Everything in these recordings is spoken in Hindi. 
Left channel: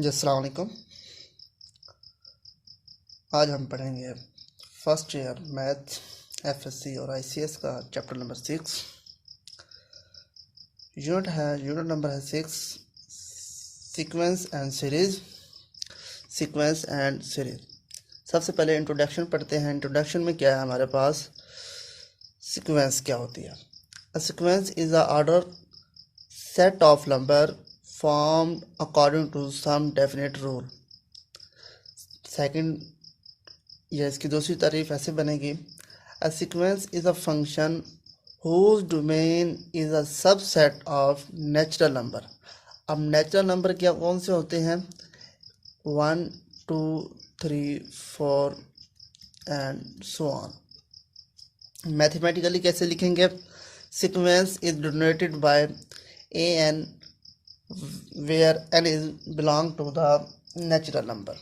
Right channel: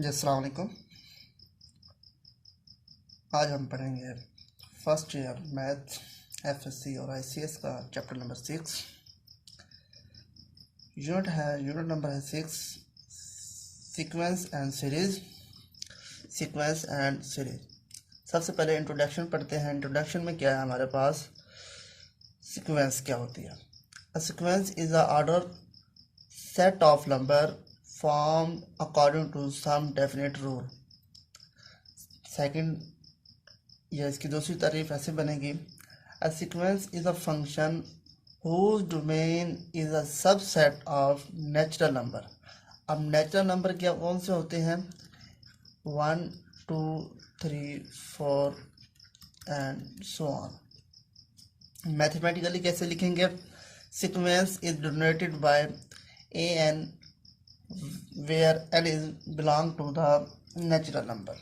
जी अस्सलाम वालेकुम। आज हम पढ़ेंगे फर्स्ट ईयर मैथ एफएससी और आईसीएस का चैप्टर नंबर 6। यूनिट नंबर है 6, sequence and series. Sequence and series. सबसे पहले इंट्रोडक्शन पढ़ते हैं। इंट्रोडक्शन में क्या है हमारे पास, सीक्वेंस क्या होती है। A sequence is a order set of number formed according to some definite rule। Second, या इसकी दूसरी तारीफ ऐसे बनेगी, a sequence is a function whose domain is a subset of natural number। अब नेचुरल नंबर क्या कौन से होते हैं, 1 2 3 4 एंड सो ऑन। मैथमेटिकली कैसे लिखेंगे, sequence is denoted by a n where n is belong to the natural number.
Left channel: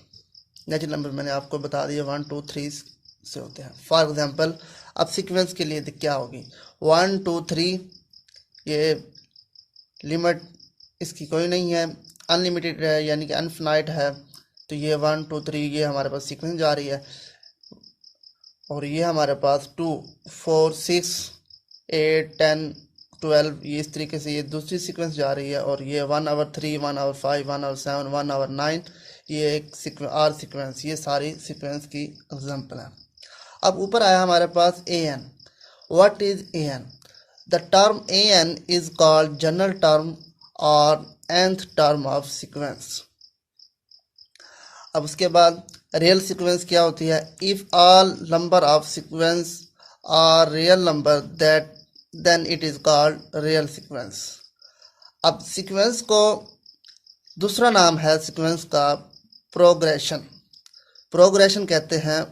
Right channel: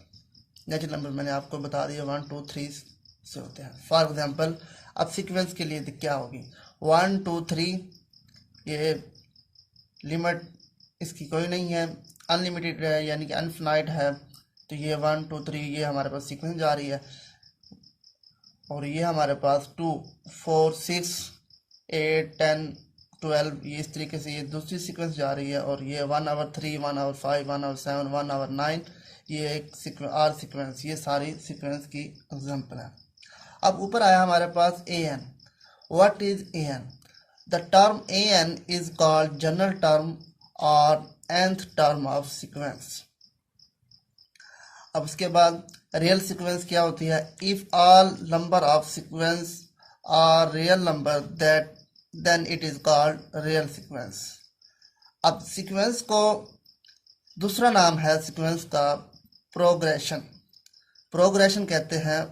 Natural number मैंने आपको बता दिया 1 2 3 से होते हैं। फॉर एग्जांपल अब सीक्वेंस के लिए क्या होगी, 1 2 3, ये लिमिट इसकी कोई नहीं है, अनलिमिटेड है यानी कि अनफिनाइट है। तो ये 1 2 3 ये हमारे पास सीक्वेंस जा रही है, और ये हमारे पास 2 4 6 8 10 12 ये इस तरीके से ये दूसरी सीक्वेंस जा रही है। और ये 1 over 3 1 over 5 1 over 7 1 over 9 ये एक आर सीक्वेंस, ये सारी सीक्वेंस की एग्जांपल है। अब ऊपर आया हमारे पास a n. What is a n? The term a n is called general term और nth टर्म ऑफ सीक्वेंस। अब उसके बाद रियल सीक्वेंस क्या होती है, if all number of sequence are real number that then it is called real sequence. अब सीक्वेंस को दूसरा नाम है सीक्वेंस का प्रोग्रेशन। प्रोग्रेशन कहते हैं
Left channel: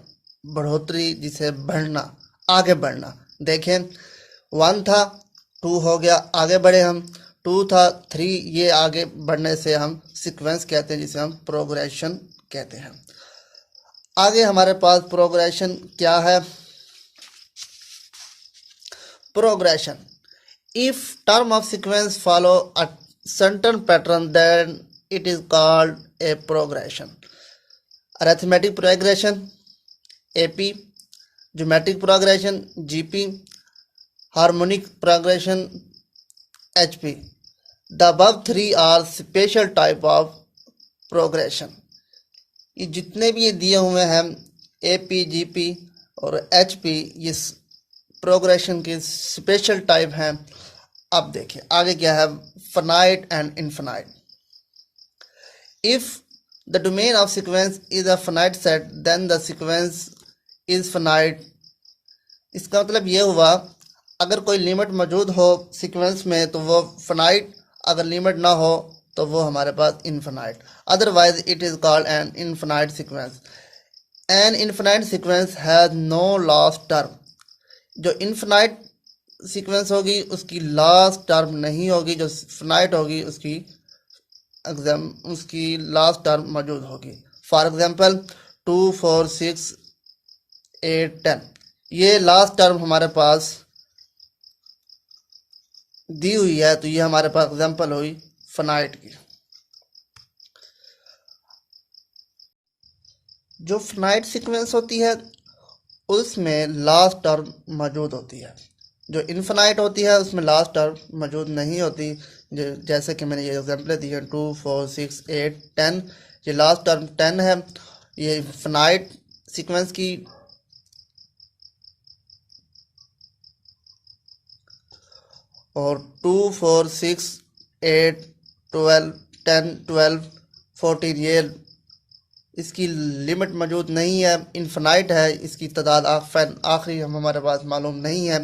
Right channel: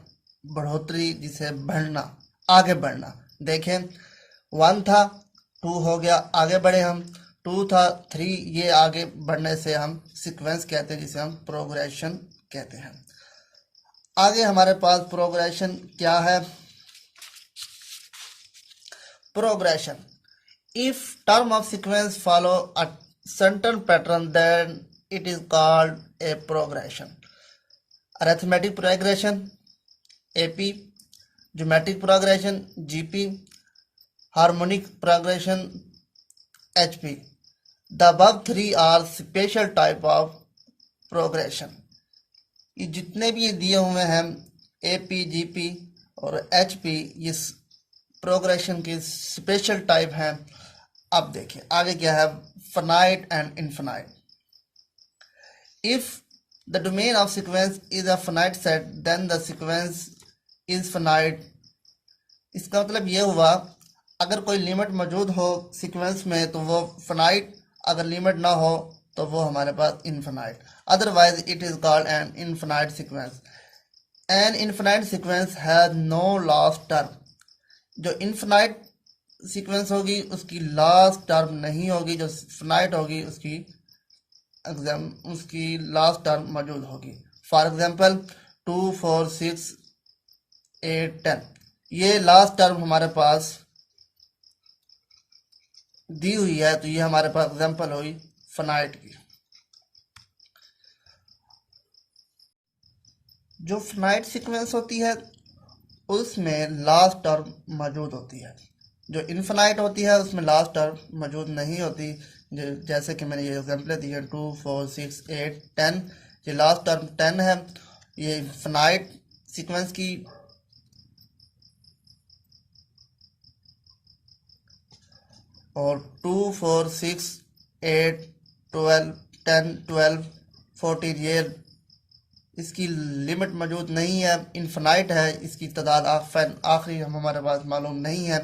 बढ़ोतरी, जिसे बढ़ना, आगे बढ़ना। देखें 1 था 2 हो गया, आगे बढ़े हम, 2 था 3, ये आगे बढ़ने से हम सीक्वेंस कहते हैं, जिसे हम प्रोग्रेशन कहते हैं। आगे हमारे पास प्रोग्रेशन क्या है, progression, if term of sequence follow a certain pattern then it is called a progression. Arithmetic progression AP, geometric progression GP, harmonic progression HP. The above 3 are special type of progression. ये जितने भी ये दिए हुए हैं एपी जीपी और एचपी, ये प्रोग्रेशन की स्पेशल टाइप हैं। अब देखिए आगे क्या है, finite and infinite. If the domain of sequence is a finite set then the sequence is finite. इसका मतलब ये हुआ, अगर कोई लिमिट मौजूद हो सीक्वेंस में तो वो फाइनाइट, अगर लिमिट ना हो तो वो हमारे पास infinite. Otherwise it is called an infinite sequence. An infinite sequence has no last term. जो इनफाइनाइट सीक्वेंस होगी उसकी लास्ट टर्म नहीं होगी, जो फाइनाइट होगी उसकी लास्ट टर्म मौजूद होगी। फॉर एग्जांपल 2 4 6 8 10, ये लास्ट टर्म हमारे पास दी हुई है, तो ये हमारे पास एग्जांपल हुई फाइनाइट की। जो फाइनाइट सीक्वेंस होती है उसमें लास्ट टर्म मौजूद होती है, जो इनफाइनाइट होती है उसमें लास्ट टर्म मौजूद नहीं होती। जैसे कि मैंने ये एग्जांपल दिए 2 4 6 8 10, ये लास्ट टर्म 10 है, ये फाइनाइट सीक्वेंस की। और 2 4 6 8 12 10 12 14 ये इसकी लिमिट मौजूद नहीं है, इनफाइनाइट है, इसकी तादाद आखिरी हमारे पास मालूम नहीं है।